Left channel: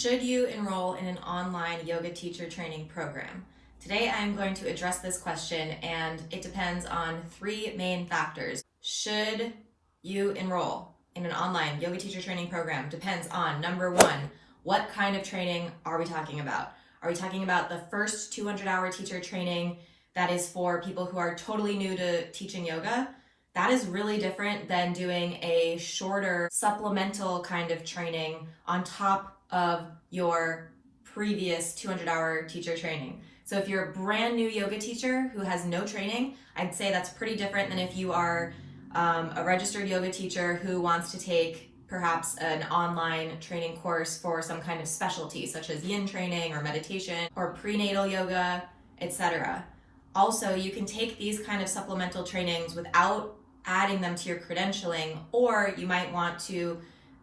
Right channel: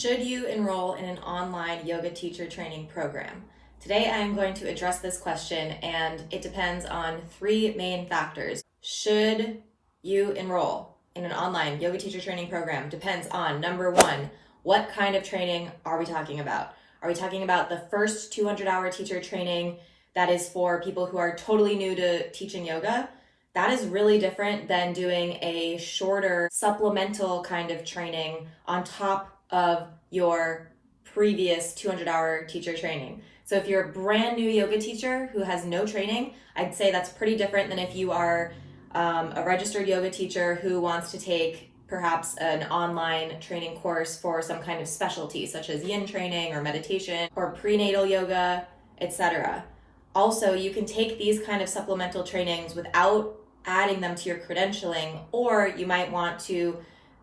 Should you enroll in an online yoga teacher training program? Today I am going to address this question, and it depends on three main factors. Should you enroll in an online yoga teacher training program depends on, number one, what kind of training are we talking about? Are we talking about the first 200-hour teacher training that is for people who are totally new to teaching yoga? That is really different than doing a shorter supplemental kind of training on top of your previous 200-hour teacher training. So if you're a brand new yoga teacher who has no training, I'd say that's pretty different than if you are a registered yoga teacher who wants to take perhaps an online training course for some kind of specialty, such as yin training or meditation or prenatal yoga, etc. Also, you can take these kind of supplemental trainings without adding them to your credentialing, or you might want to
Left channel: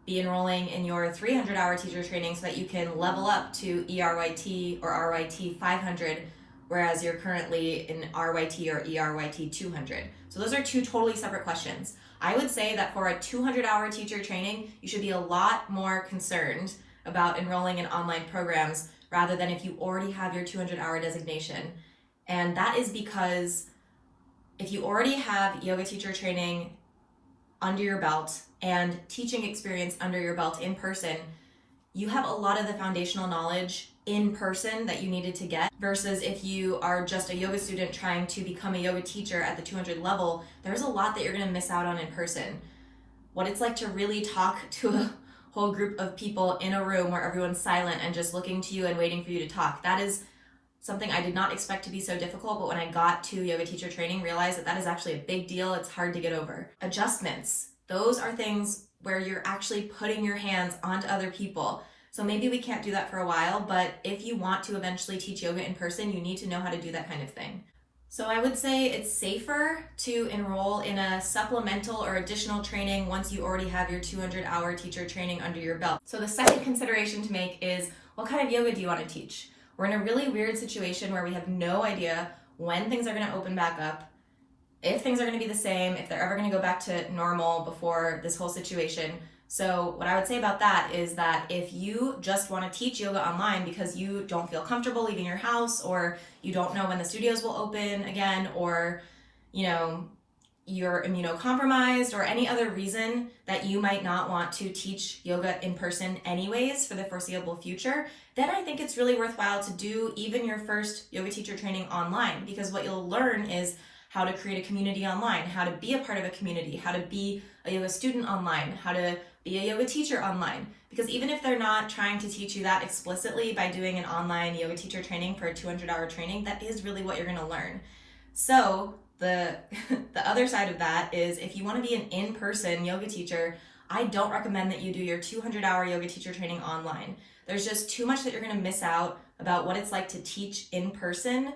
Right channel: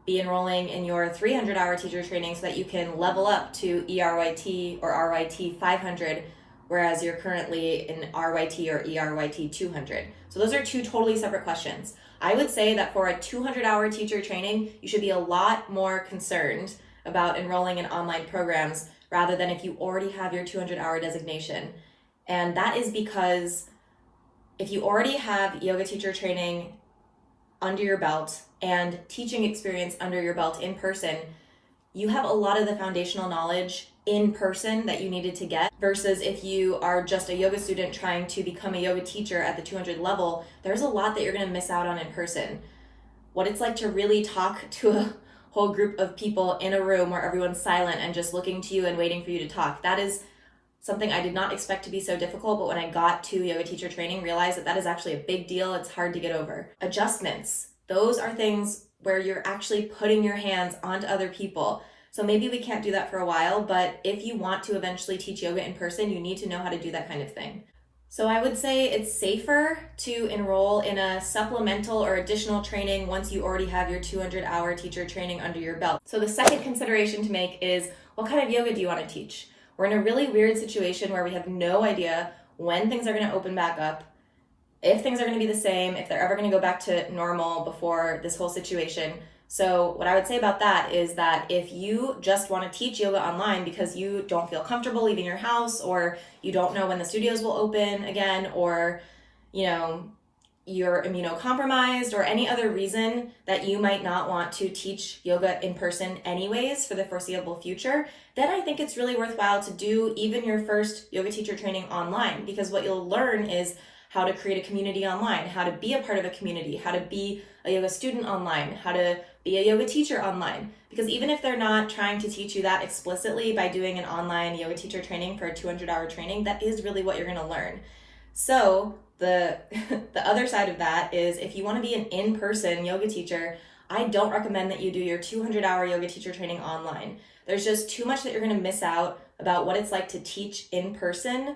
be enrolling in your 300-hour teacher training so that you can level up to ERYT or RYT 500, whereas you're currently in RYT or ERYT 200. So those are two totally separate questions. I would say that for a 200-hour teacher training, you should be a lot more concerned about enrolling in online programs rather than if you already have your 200-hour designation. And that is because if you already have yoga teacher training under your belt and teaching experience under your belt in person, you have a lot of the foundational knowledge in person that you needed to get, versus if you are just a yoga student trying to become a yoga teacher at the 200 level, there's a lot that you're going to miss out on in person. What it's like to really talk to a whole group of people in a room where everyone's silent and just looking to you and waiting for you to talk. That is something I did not expect to be so difficult, but when I got to yoga teacher training, realized that that is actually a big deal. It's hard to get over. Adjustments. Those are things where you're actually putting your hands onto other people. So maybe we can't do that for a while, but if you want to eventually teach yoga in person, you need to know how to do that kind of thing. So I would say it's safer to enroll in a supplemental or additional training once you already have your 200-hour teacher training under your belt. So the second consideration to make is, what kind of yoga do you want to teach? We're in a really weird situation where we have no idea when things are going to open back up, if things are going to be the same, if they're ever going to go back to normal before this whole situation. So what I would say about that is that if you just want to teach yoga online because you don't feel comfortable leaving your house, or you don't know when the studios will open again, or you're immunocompromised, or any other reason that you might not want to teach yoga in person anyways for the foreseeable future, then I think it's really worthwhile to do even your first yoga teacher training online, because what you'll learn is how to create a community online, how to be a part of a community, how to be a yoga student online, how to be a yoga teacher online. Because even if they're not trying to teach you that explicitly by doing an online yoga teacher training for a 200-hour training, that is really what you're going to learn. So the other side of that is, if you want to be an in-person yoga teacher, I don't recommend that you do your 200-hour yoga teacher training online. There's just too much that you're going to miss out about what it's like to teach in person.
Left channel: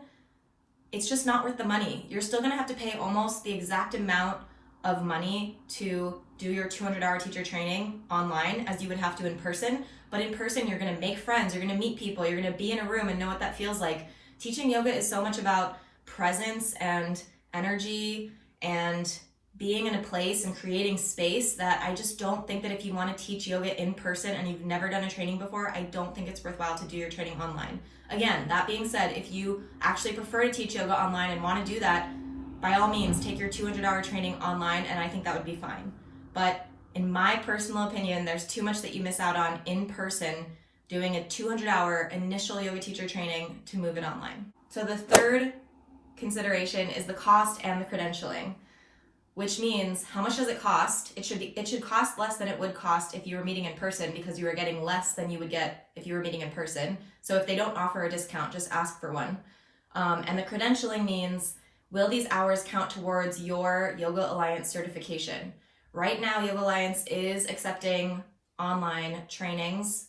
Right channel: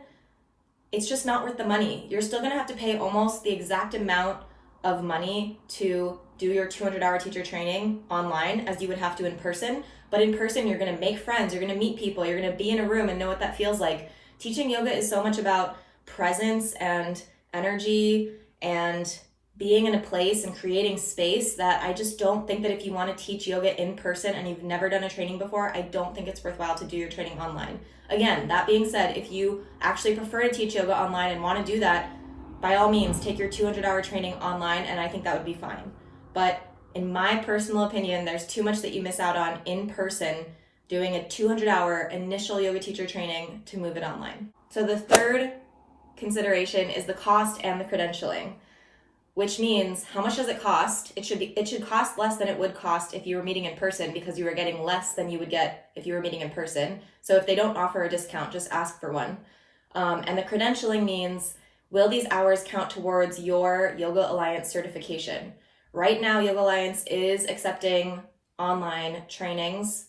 It's just not worth the money. You're still going to have to pay almost the exact amount of money to do your 200-hour teacher training online as you would have to in person. But in person, you're going to make friends, you're going to meet people, you're going to be in a room and know what that feels like. Teaching yoga is so much about presence and energy and being in a place and creating space that I just don't think that if you want to teach yoga in person and you've never done a training before, I don't think it's worthwhile to do your training online. Again, that being said, if you actually prefer to teach yoga online and want to do that, by all means, take your 200-hour training online, and I think that would be fine. But in my personal opinion, there's too much that you miss out on in person doing a 200-hour initial yoga teacher training to move it online. So the third consideration is the cost and the credentialing, which means, how much does it cost? It should cost less than it would cost if you were meeting in person, because you were getting less than you would get if you were meeting in person. So if they don't offer a discount, just ask for one. And the credentialing means, will these hours count towards your Yoga Alliance certification? Right now, Yoga Alliance is accepting online trainings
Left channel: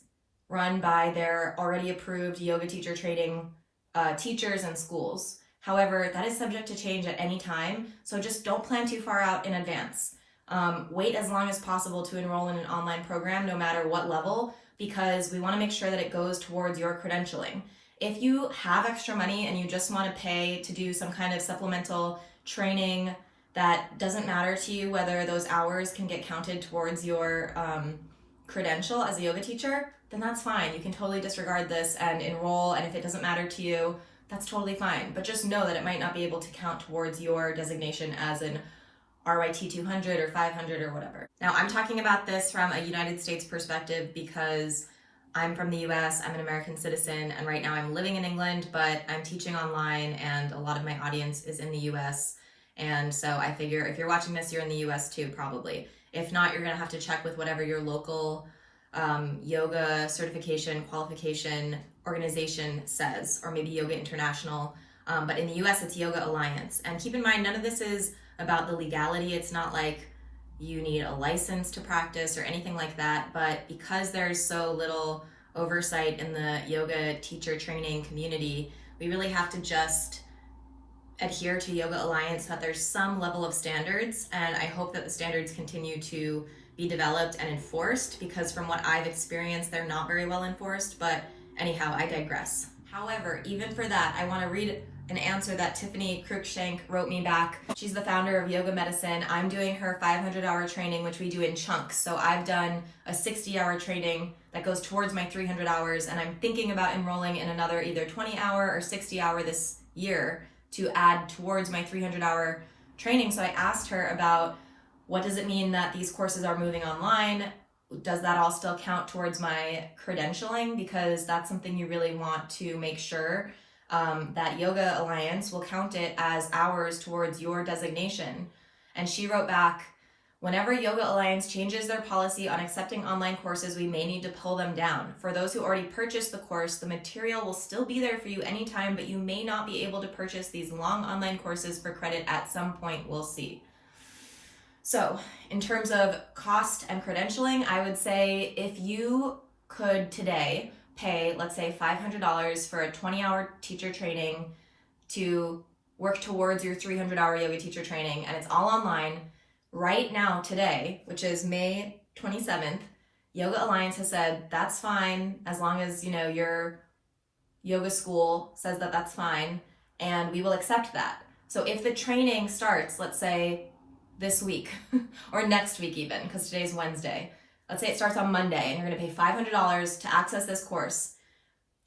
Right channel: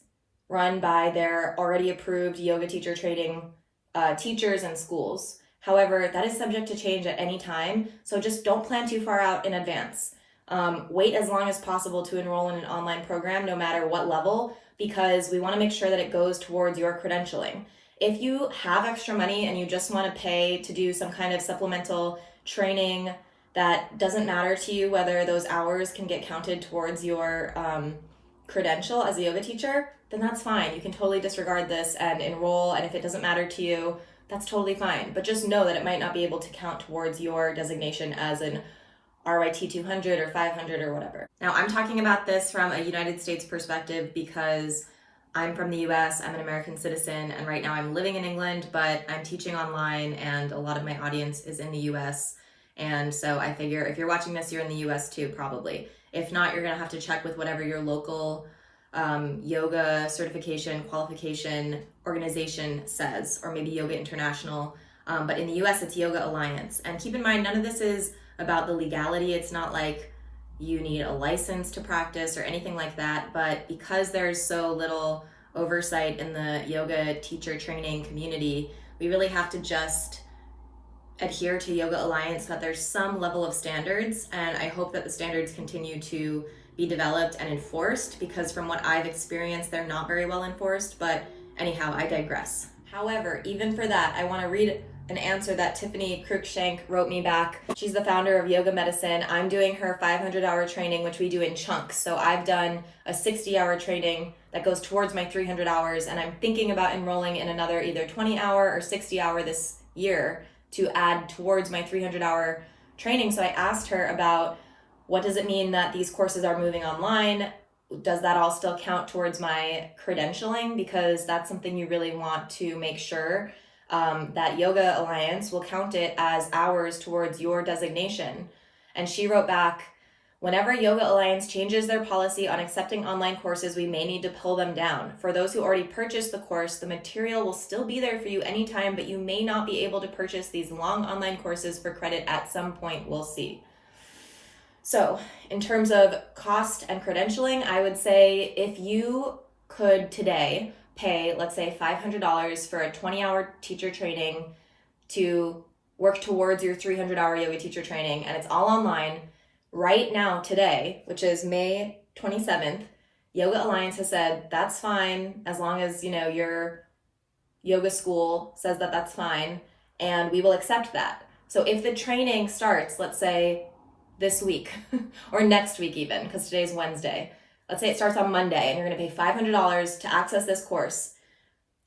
run by their already approved yoga teacher training teachers and schools. However, that is subject to change at any time, so just don't plan too far out in advance. Wait as long as possible to enroll in an online program, no matter what level, because we want to make sure that it goes towards your credentialing. If you have extra money and you just want to pay to do some kind of supplemental training that doesn't matter to you whether those hours can get counted towards your credential as a yoga teacher, then that's fine. You can totally disregard this and enroll, and if it doesn't matter to you, that's totally fine. But just know that it might not be able to count towards your designation as an RYT 200 or 500 or whatever. Now, I'm talking about this from a United States perspective because I'm from the US, I'm an American citizen, and right now I'm living in England, but I'm teaching online and a lot of my audience is in the US. And so I figure if you're watching this, you're in the US too, probably. If not, you're gonna have to check with whatever your local yoga certification, qualification organization says, or maybe Yoga International. But in the US, it's Yoga Alliance. And keep in mind, none of this is about the legality. It's not like you need a license to practice or anything like that, but because there's so little oversight in the yoga teacher training community, we really have to just adhere to Yoga Alliance, that there's some level of standards, and I hope that the standards continue to be developed and enforced, because from what I've experienced, they're not very well enforced, but anyhow, I digress. However, even for that, I want to read an answer that Tiffany Cruikshank wrote me back. She's the founder of Yoga Medicine. I'm doing her 500-hour training, which we do in chunks. So I've done a 60-hour training that goes towards my 300 hours, and I'm thinking about enrolling in another either 20-hour or 60-hour this year to add towards my 300-hour training. So I asked her about, what does it mean that these courses are moving online? Does that all still count towards my credentialing? Because that's something you really want to make sure that Yoga Alliance will count it as hours towards your designation. And she wrote back, whenever Yoga Alliance changes their policy on accepting online courses, we may need to pull them down. For those who already purchased the course, the material will still be there for you anytime, but you may not be able to purchase these long online courses for credit at some point. We'll see. So in terms of cost and credentialing, I would say if you could today pay, let's say $500 for a 20-hour teacher training to work towards your 300-hour yoga teacher training, and it's all online, right now today, which is May 27th, Yoga Alliance has said that's fine as long as, your yoga school says that that's fine, and we will accept that. So if the training starts, let's say this week or next week even, because today's Wednesday, let's say it starts on Monday and you're going to pay $500 to access this course.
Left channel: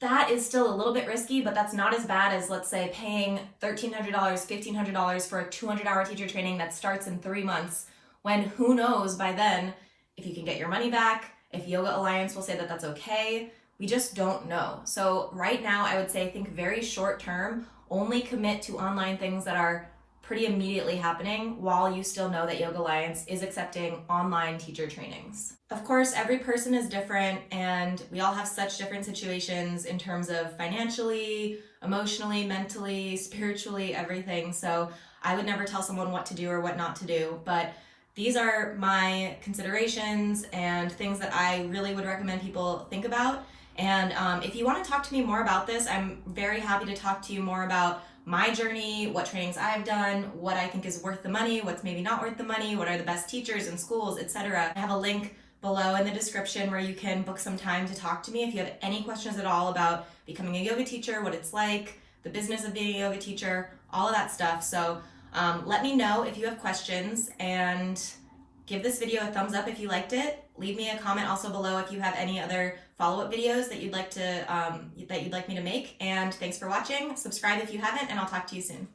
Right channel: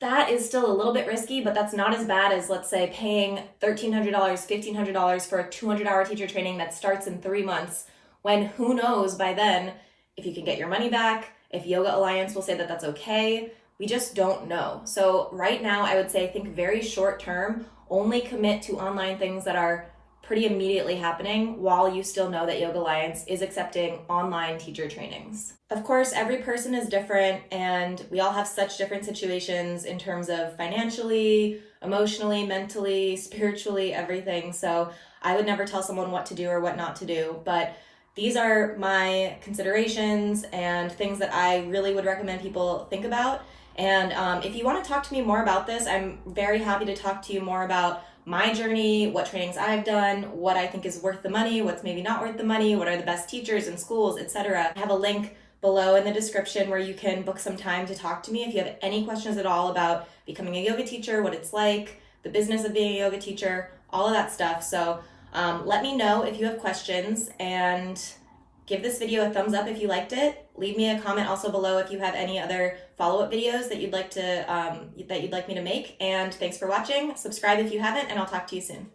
That is still a little bit risky, but that's not as bad as, let's say, paying $1,300, $1,500 for a 200-hour teacher training that starts in 3 months, when who knows by then if you can get your money back, if Yoga Alliance will say that that's okay. We just don't know. So right now, I would say think very short term, only commit to online things that are pretty immediately happening while you still know that Yoga Alliance is accepting online teacher trainings. Of course, every person is different and we all have such different situations in terms of financially, emotionally, mentally, spiritually, everything. So I would never tell someone what to do or what not to do, but these are my considerations and things that I really would recommend people think about. And if you want to talk to me more about this, I'm very happy to talk to you more about my journey, what trainings I've done, what I think is worth the money, what's maybe not worth the money, what are the best teachers and schools, etc. I have a link below in the description where you can book some time to talk to me if you have any questions at all about becoming a yoga teacher, what it's like, the business of being a yoga teacher, all of that stuff. So let me know if you have questions, and give this video a thumbs up if you liked it. Leave me a comment also below if you have any other follow-up videos that you'd like me to make. And thanks for watching. Subscribe if you haven't, and I'll talk to you soon.